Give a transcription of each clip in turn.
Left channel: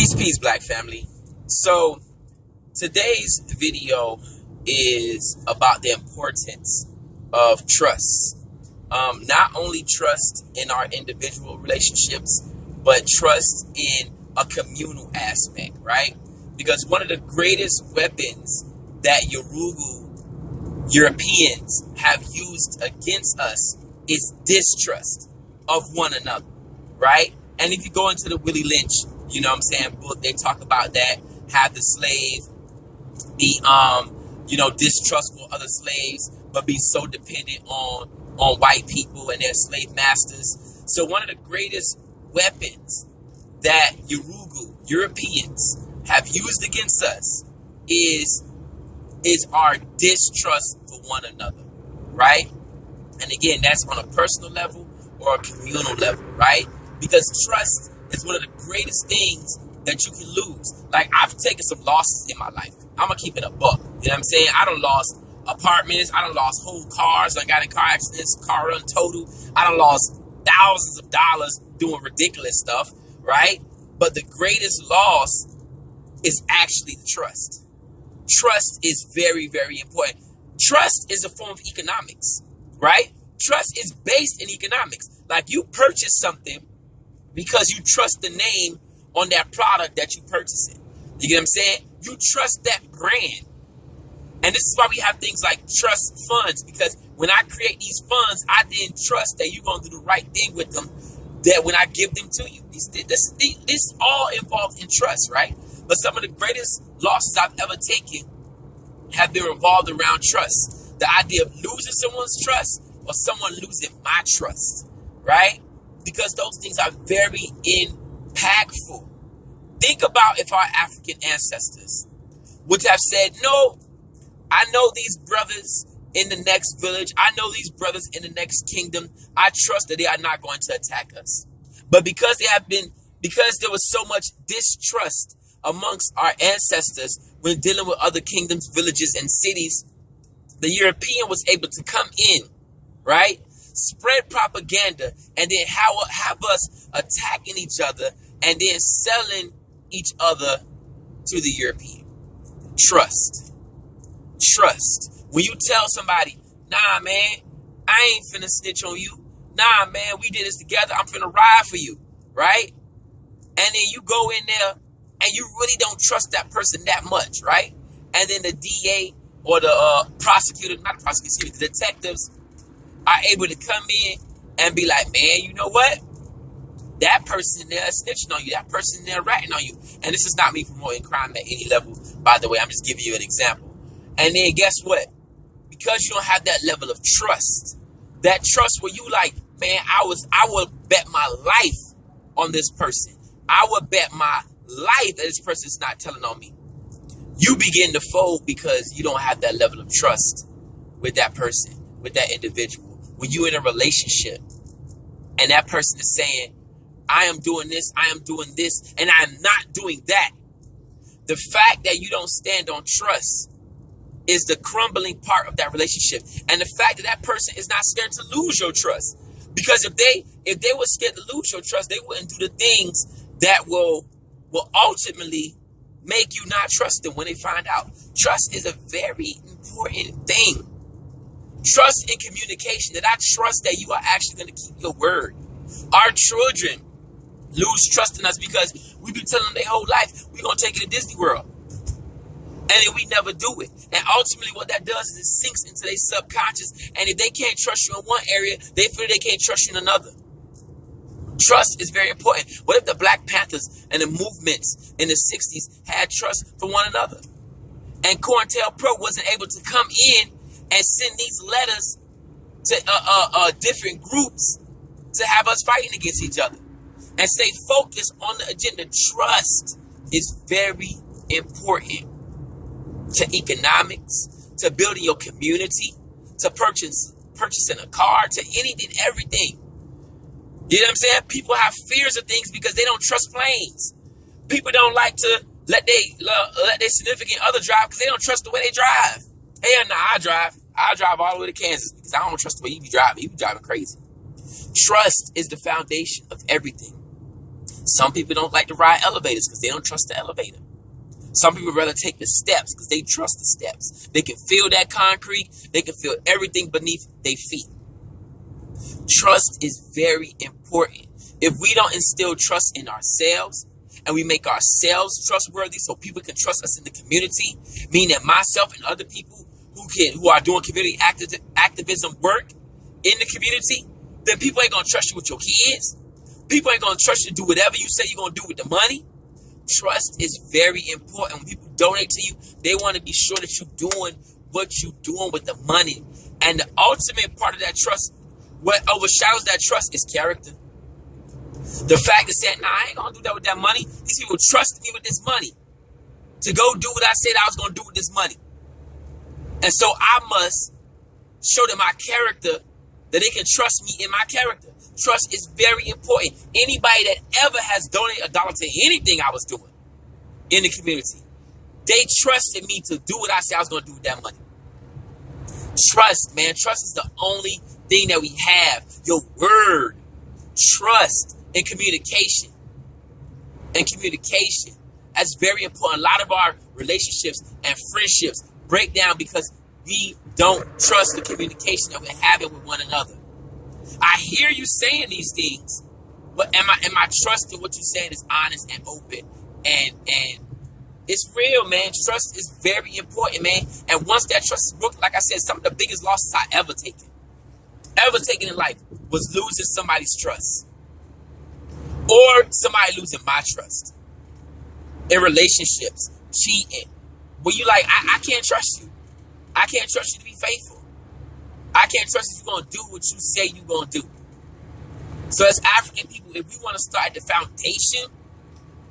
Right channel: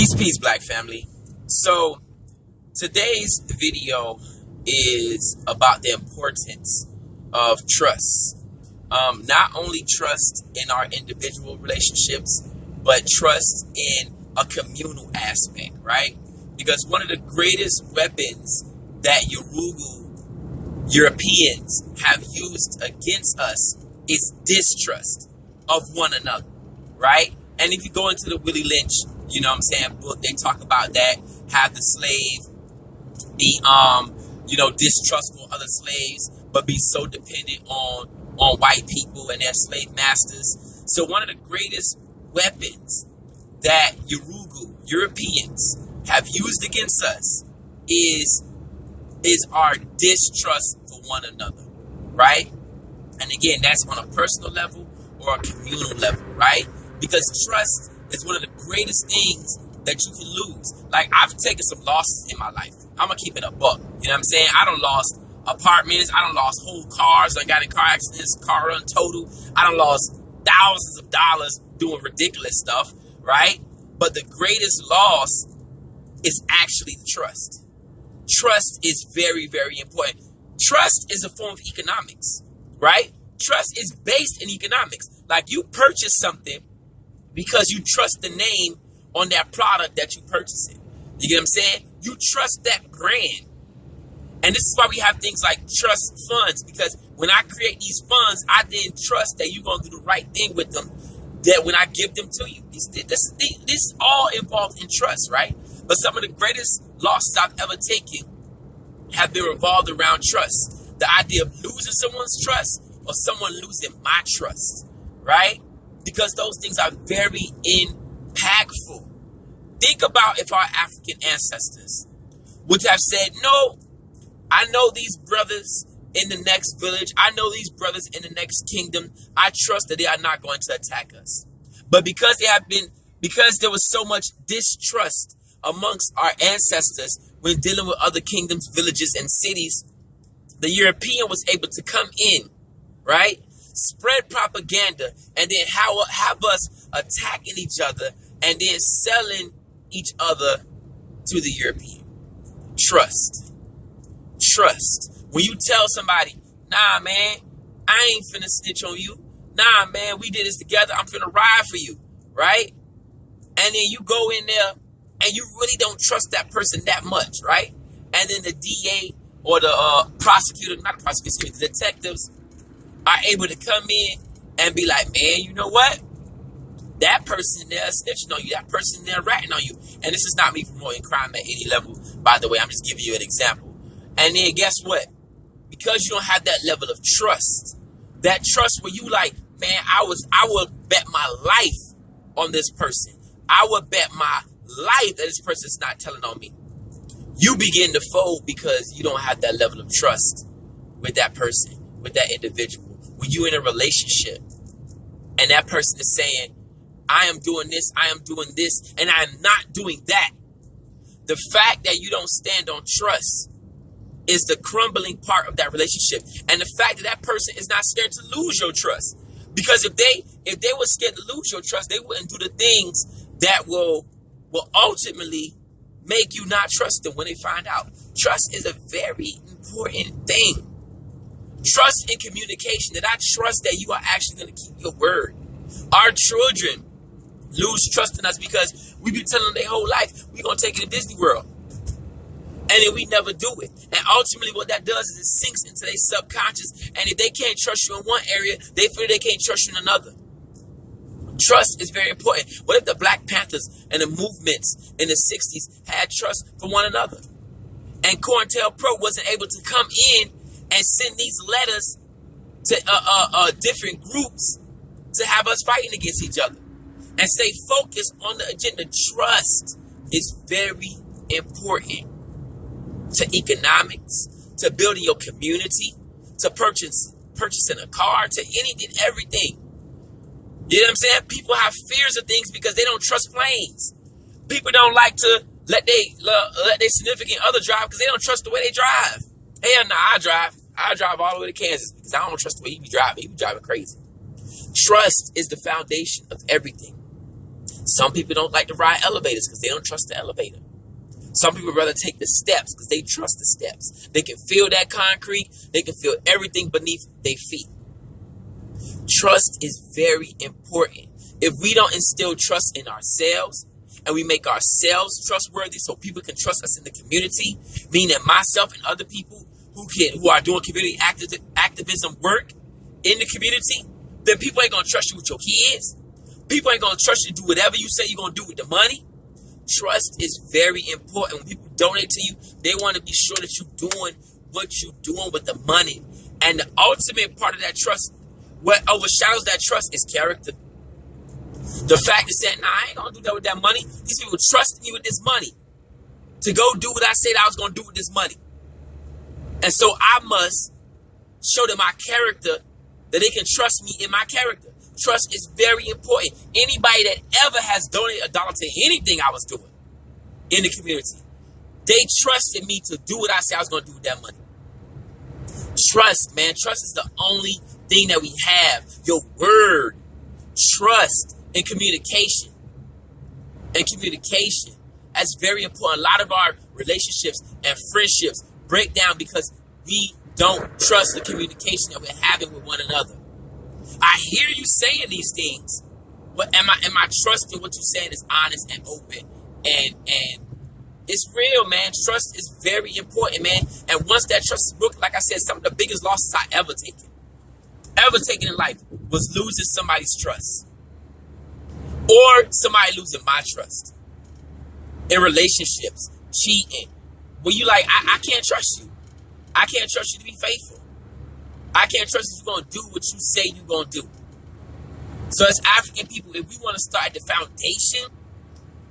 Peace, Black family. So today's video is about the importance of trust. Not only trust in our individual relationships, but trust in a communal aspect, right? Because one of the greatest weapons that Europeans have used against us is distrust of one another, right? And if you go into the Willie Lynch, book, they talk about that, have the slave be, distrustful of other slaves, but be so dependent on white people and their slave masters. So one of the greatest weapons that Europeans have used against us is our distrust for one another, right? And again, that's on a personal level or a communal level, right? Because trust is one of the greatest things that you can lose. Like, I've taken some losses in my life. I'm gonna keep it a buck. You know what I'm saying? I done lost apartments. I done lost whole cars. I got in car accidents, car run total. I done lost thousands of dollars doing ridiculous stuff, right? But the greatest loss is actually the trust. Trust is very, very important. Trust is a form of economics, right? Trust is based in economics. Like, you purchase something because you trust the name on that product that you purchase it. You get what I'm saying? You trust that brand. And this is why we have things like trust funds, because when I create these funds, I then trust that you're going to do the right thing with them, that when I give them to you. This all involved in trust, right? But some of the greatest losses I've ever taken have been revolved around trust. The idea of losing someone's trust or someone losing my trust, right? Because those things are very impactful. Think about if our African ancestors would have said, no, I know these brothers in the next village. I know these brothers in the next kingdom. I trust that they are not going to attack us. But because there was so much distrust amongst our ancestors when dealing with other kingdoms, villages, and cities, the European was able to come in, right? Spread propaganda, and then have us attacking each other and then selling each other to the European. Trust. When you tell somebody, nah, man, I ain't finna snitch on you. Nah, man, we did this together. I'm finna ride for you, right? And then you go in there and you really don't trust that person that much, right? And then the DA or the the detectives are able to come in and be like, man, you know what? That person there is snitching on you. That person there ratting on you. And this is not me promoting crime at any level, by the way. I'm just giving you an example. And then guess what? Because you don't have that level of trust, that trust where you like, man, I would bet my life on this person. I would bet my life that this person's not telling on me. You begin to fold because you don't have that level of trust with that person, with that individual. When you're in a relationship and that person is saying, I am doing this, I am doing this, and I am not doing that. The fact that you don't stand on trust is the crumbling part of that relationship. And the fact that that person is not scared to lose your trust. Because if they were scared to lose your trust, they wouldn't do the things that will ultimately make you not trust them when they find out. Trust is a very important thing. Trust in communication, that I trust that you are actually going to keep your word. Our children lose trust in us because we be telling them their whole life, we're going to take you to Disney World. And then we never do it. And ultimately what that does is it sinks into their subconscious. And if they can't trust you in one area, they feel they can't trust you in another. Trust is very important. What if the Black Panthers and the movements in the 60s had trust for one another? And COINTELPRO wasn't able to come in and send these letters to different groups to have us fighting against each other and stay focused on the agenda. Trust is very important to economics, to building your community, to purchasing a car, to anything, everything. You know what I'm saying? People have fears of things because they don't trust planes. People don't like to let their significant other drive because they don't trust the way they drive. Hell nah, I drive all the way to Kansas because I don't trust the way he be driving. He be driving crazy. Trust is the foundation of everything. Some people don't like to ride elevators because they don't trust the elevator. Some people rather take the steps because they trust the steps. They can feel that concrete. They can feel everything beneath their feet. Trust is very important. If we don't instill trust in ourselves and we make ourselves trustworthy so people can trust us in the community, meaning myself and other people who are doing community activism work in the community, then people ain't going to trust you with your kids. People ain't going to trust you to do whatever you say you're going to do with the money. Trust is very important. When people donate to you, they want to be sure that you're doing what you're doing with the money. And the ultimate part of that trust, what overshadows that trust, is character. The fact is that, I ain't going to do that with that money. These people trust me with this money to go do what I said I was going to do with this money. And so I must show them my character, that they can trust me in my character. Trust is very important. Anybody that ever has donated $1 to anything I was doing in the community, they trusted me to do what I said I was going to do with that money. Trust, man. Trust is the only thing that we have. Your word. Trust and communication. And communication. That's very important. A lot of our relationships and friendships break down because we don't trust the communication that we're having with one another. I hear you saying these things, but am I trusting what you're saying is honest and open and it's real, man. Trust is very important, man. And once that trust is broken, like I said, some of the biggest losses I ever taken in life was losing somebody's trust or somebody losing my trust in relationships, cheating. Where you like, I can't trust you. I can't trust you to be faithful. I can't trust that you're going to do what you say you're going to do. So as African people, if we want to start at the foundation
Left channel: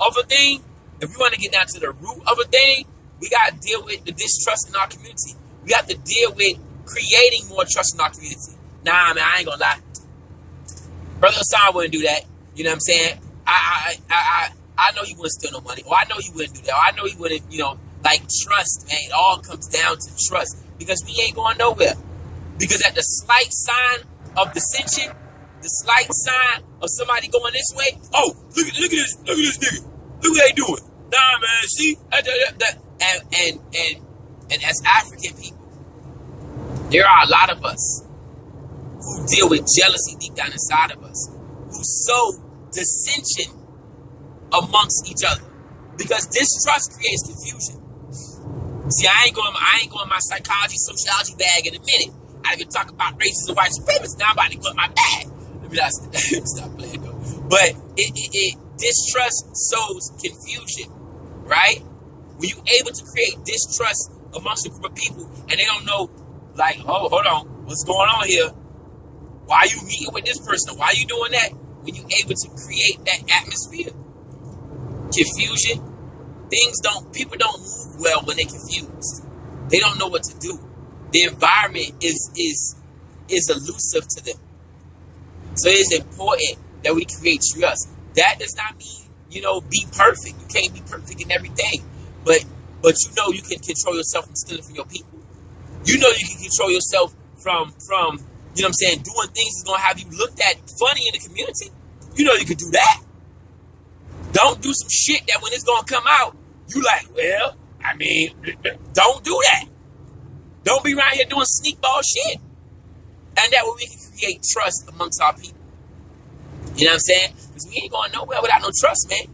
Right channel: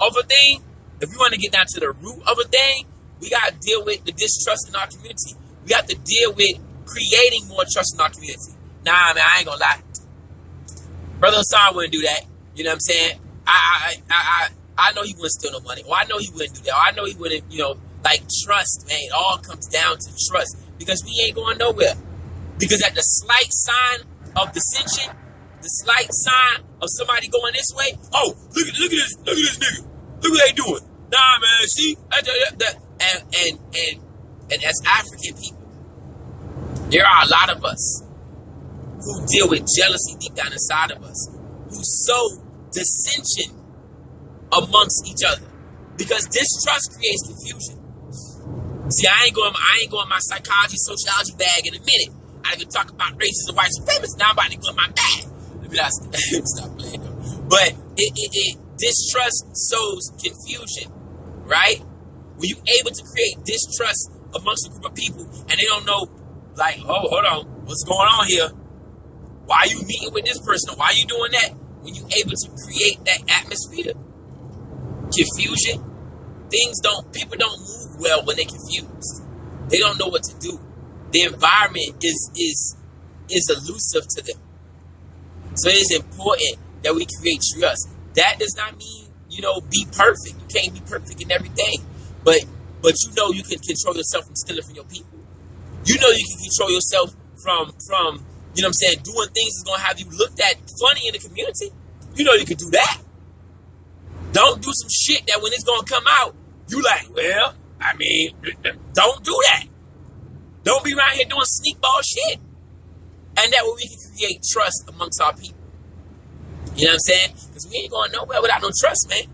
of a thing, if we want to get down to the root of a thing, we got to deal with the distrust in our community. We have to deal with creating more trust in our community. Nah, man, I ain't going to lie. Brother Hassan wouldn't do that. You know what I'm saying? I know he wouldn't steal no money. Or I know he wouldn't do that. Or I know he wouldn't, like trust, man. It all comes down to trust because we ain't going nowhere. Because at the slight sign of dissension, the slight sign of somebody going this way, oh, look at this nigga. Look what they doing. Nah, man, see? And as African people, there are a lot of us who deal with jealousy deep down inside of us, who sow dissension amongst each other. Because distrust creates confusion. See, I ain't going my psychology, sociology bag in a minute. I didn't even talk about racism, white supremacy. Now I'm about to go in my bag. Stop playing though. But distrust sows confusion, right? When you're able to create distrust amongst a group of people and they don't know, like, oh, hold on, what's going on here? Why are you meeting with this person? Why are you doing that? When you're able to create that atmosphere, confusion, people don't move well when they're confused. They don't know what to do. The environment is elusive to them. So it's important that we create trust. That does not mean, be perfect. You can't be perfect in everything. But you can control yourself from stealing from your people. You can control yourself from doing things that's going to have you looked at funny in the community. You can do that. Don't do some shit that when it's going to come out, you like, well, don't do that. Don't be around here doing sneak ball shit. And that way we can create trust amongst our people. You know what I'm saying? Because we ain't going nowhere without no trust, man.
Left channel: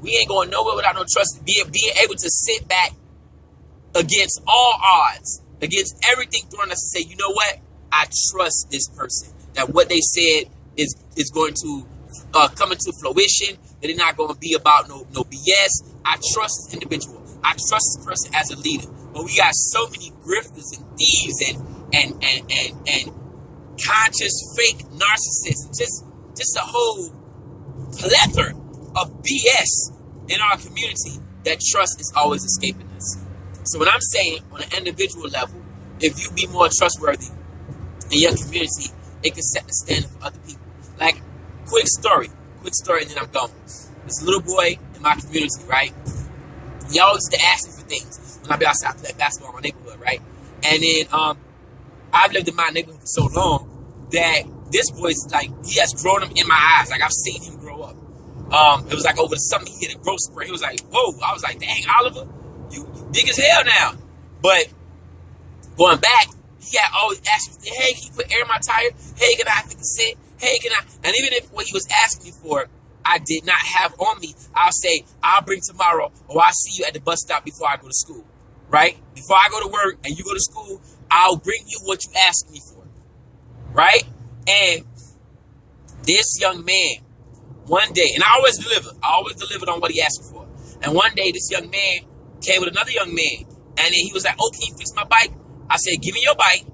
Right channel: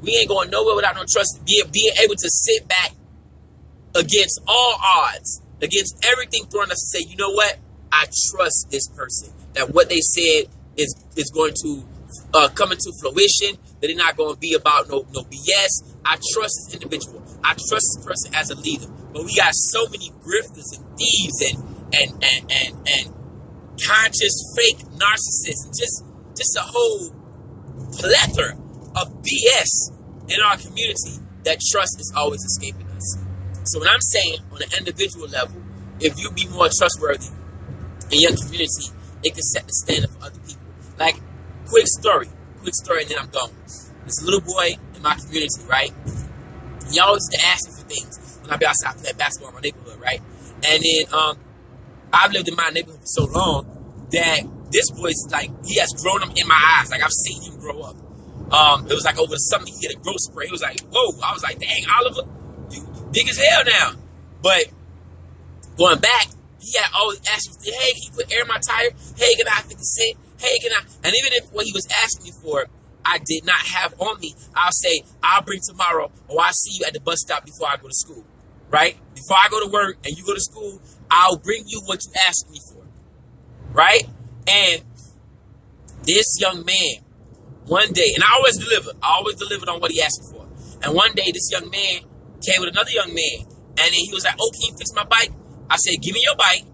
We ain't going nowhere without no trust. Being able to sit back against all odds, against everything thrown at us and say, you know what? I trust this person. That what they said is going to come into fruition. That they're not going to be about no BS. I trust this individual. I trust this person as a leader. But we got so many grifters and thieves and conscious fake narcissists. Just a whole plethora of BS in our community that trust is always escaping us. So when I'm saying on an individual level, if you be more trustworthy in your community, it can set the standard for other people. Like, quick story, and then I'm gone. This little boy in my community, right? He always used to ask me for things when I be outside playing basketball in my neighborhood, right? And then I've lived in my neighborhood for so long that this boy's like, he has grown up in my eyes. Like, I've seen him grow up. It was like over the summer, he hit a growth spurt. He was like, whoa. I was like, dang, Oliver, you big as hell now. But going back, he had always asked me, hey, can you put air in my tire? Hey, can I have 50 cents? Hey, can I? And even if what he was asking me for, I did not have on me, I'll say, I'll bring tomorrow, or I'll see you at the bus stop before I go to school, right? Before I go to work and you go to school, I'll bring you what you asked me for, right? And this young man, one day, and I always delivered on what he asked me for. And one day, this young man came with another young man, and then he was like, oh, can you fix my bike? I said, give me your bike,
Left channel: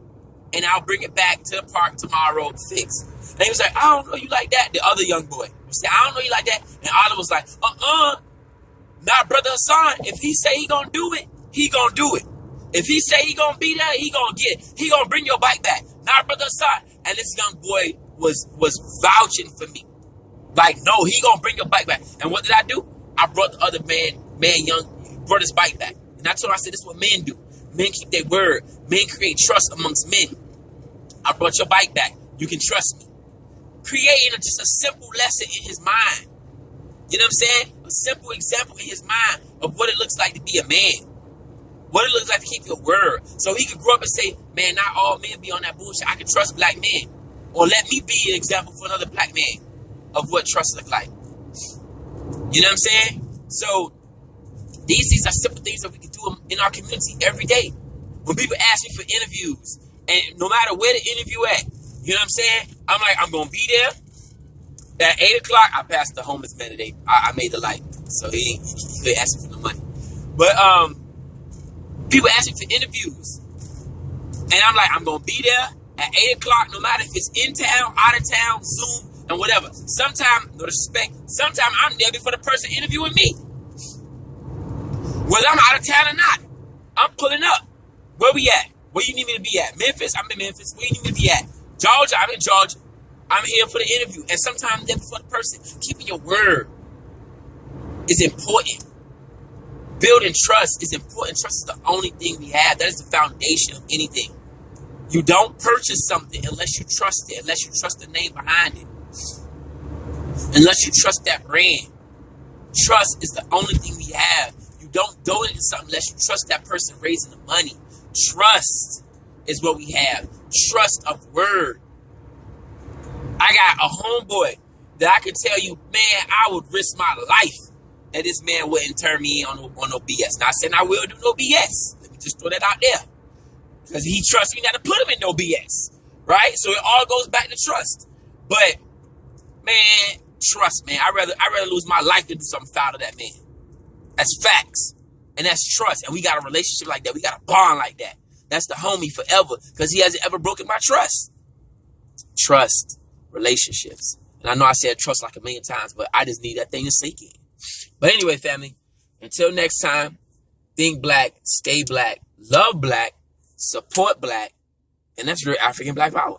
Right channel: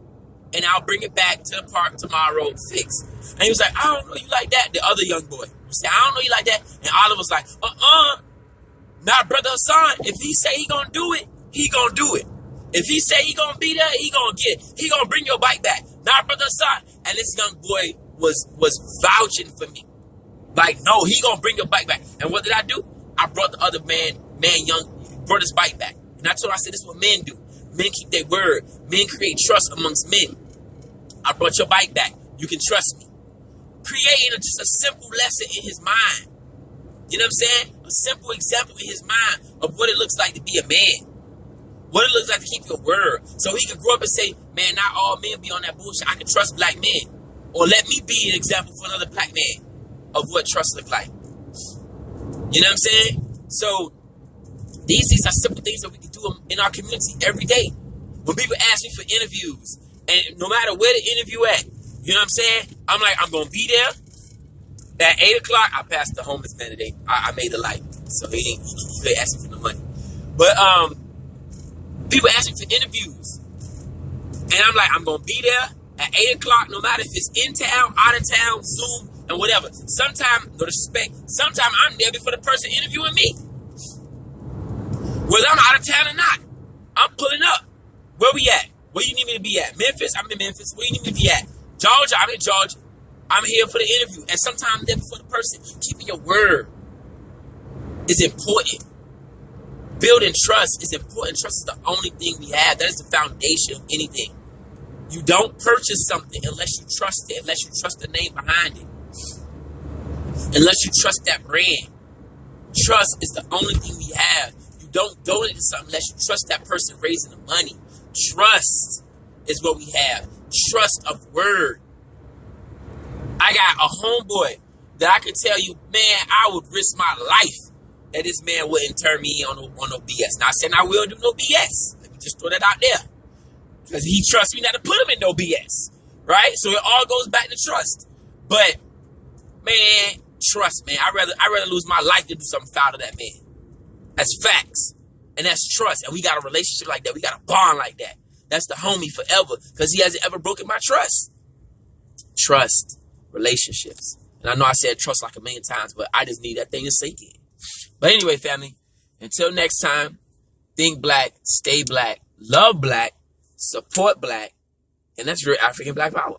and I'll bring it back to the park tomorrow fixed. And he was like, I don't know you like that. The other young boy said, I don't know you like that. And Oliver was like, not Brother Hassan. If he say he gonna do it, he gonna do it. If he say he gonna be there, he gonna get it. He gonna bring your bike back. Not Brother Hassan. And this young boy was vouching for me. Like, no, he gonna bring your bike back. And what did I do? I brought the other brought his bike back. And I told him, I said, this is what men do. Men keep their word. Men create trust amongst men. I brought your bike back. You can trust me. Creating just a simple lesson in his mind. You know what I'm saying? A simple example in his mind of what it looks like to be a man. What it looks like to keep your word. So he could grow up and say, man, not all men be on that bullshit. I can trust black men. Or let me be an example for another black man of what trust look like. You know what I'm saying? So these things are simple things that we can do in our community every day. When people ask me for interviews, and no matter where the interview at, you know what I'm saying? I'm like, I'm going to be there. At 8 o'clock, I passed the homeless man today. I made the light. So he couldn't ask me for no money. But people ask me for interviews. And I'm like, I'm going to be there at 8 o'clock, no matter if it's in town, out of town, Zoom, and whatever. Sometimes, no disrespect, sometimes I'm there before the person interviewing me. Whether I'm out of town or not, I'm pulling up. Where we at? Where you need me to be at? Memphis? I'm in Memphis. Where you need me to be at? Georgia? I'm in Georgia. I'm here for the interview. And sometimes I'm there before the person. Keeping your word is important. Building trust is important. Trust is the only thing we have. That is the foundation of anything. You don't purchase something unless you trust it, unless you trust the name behind it, unless you trust that brand. Trust is the only thing we have. You don't donate to something unless you trust that person raising the money. Trust is what we have. Trust of word. I got a homeboy that I could tell you, man, I would risk my life that this man wouldn't turn me on no BS. Now, I said I will do no BS. Let me just throw that out there. Because he trusts me not to put him in no BS. Right? So it all goes back to trust. But, man, trust, man. I'd rather lose my life than do something foul to that man. That's facts. And that's trust. And we got a relationship like that. We got a bond like that. That's the homie forever. Because he hasn't ever broken my trust. Trust. Relationships. And I know I said trust like a million times, but I just need that thing to sink in. But anyway, family, until next time, think black, stay black, love black, support black, and that's real African Black Power.